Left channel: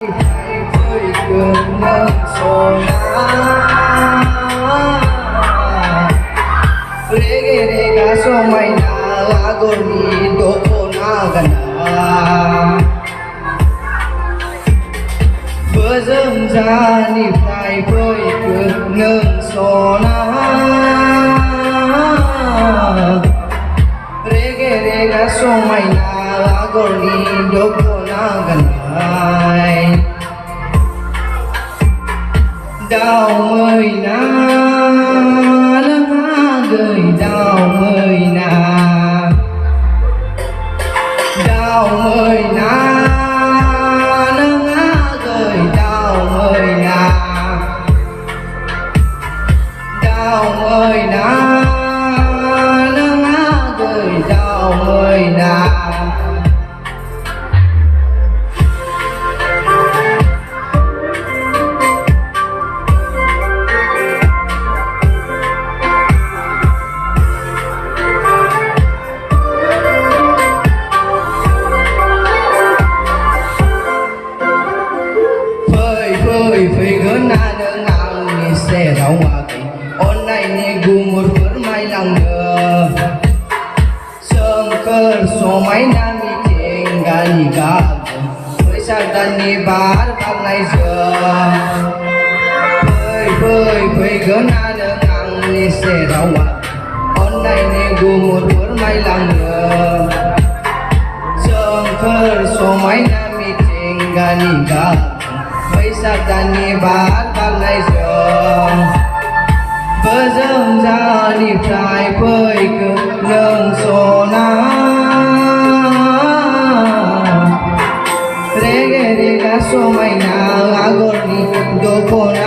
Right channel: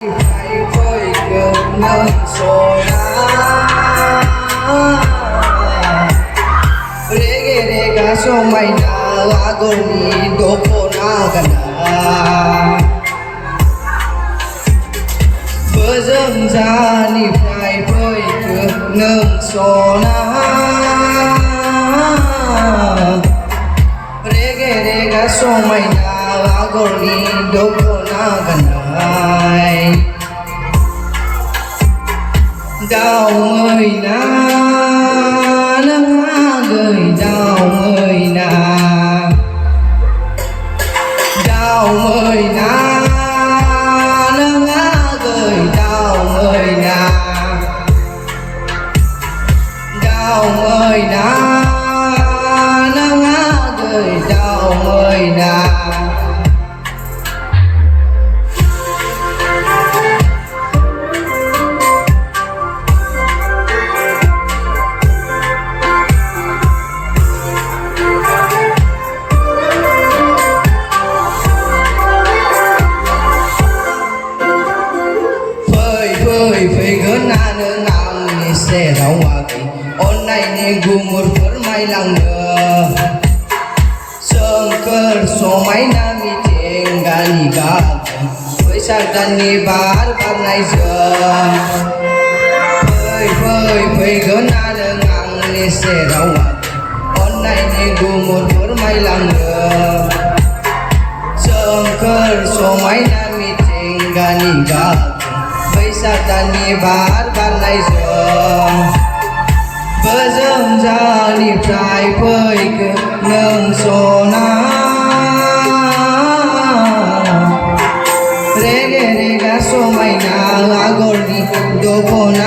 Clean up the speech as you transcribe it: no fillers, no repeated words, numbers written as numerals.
Với cơn ngỡ sôi Rega somai na lagoni dopo na gana Bớm ra ni phải với cơn ngỡ sôi Rega somai na lagoni dopo na gana đau ơi na nắng gửi đau ơi na đau ơi na nắng gửi đau ơi na đau ơi na nắng gửi đau ơi na Phơi gớn na nơ ngào ni xe rau hoa kỳ ôn này ni gu một phở mai lòng nơ sương cơ số máy nam ni chèn gà ni gà với sa đan ni bar ban này giờ phơi gớn na nơ ngào ni xe rau hoa kỳ ôn này ni gu một phở mai lòng nơ sương cơ số máy nam ni chèn gà ni gà Tani bar ban này giờ Bớm ra ni phải với cơn ngơ sô na Rega somai na agoni dopo na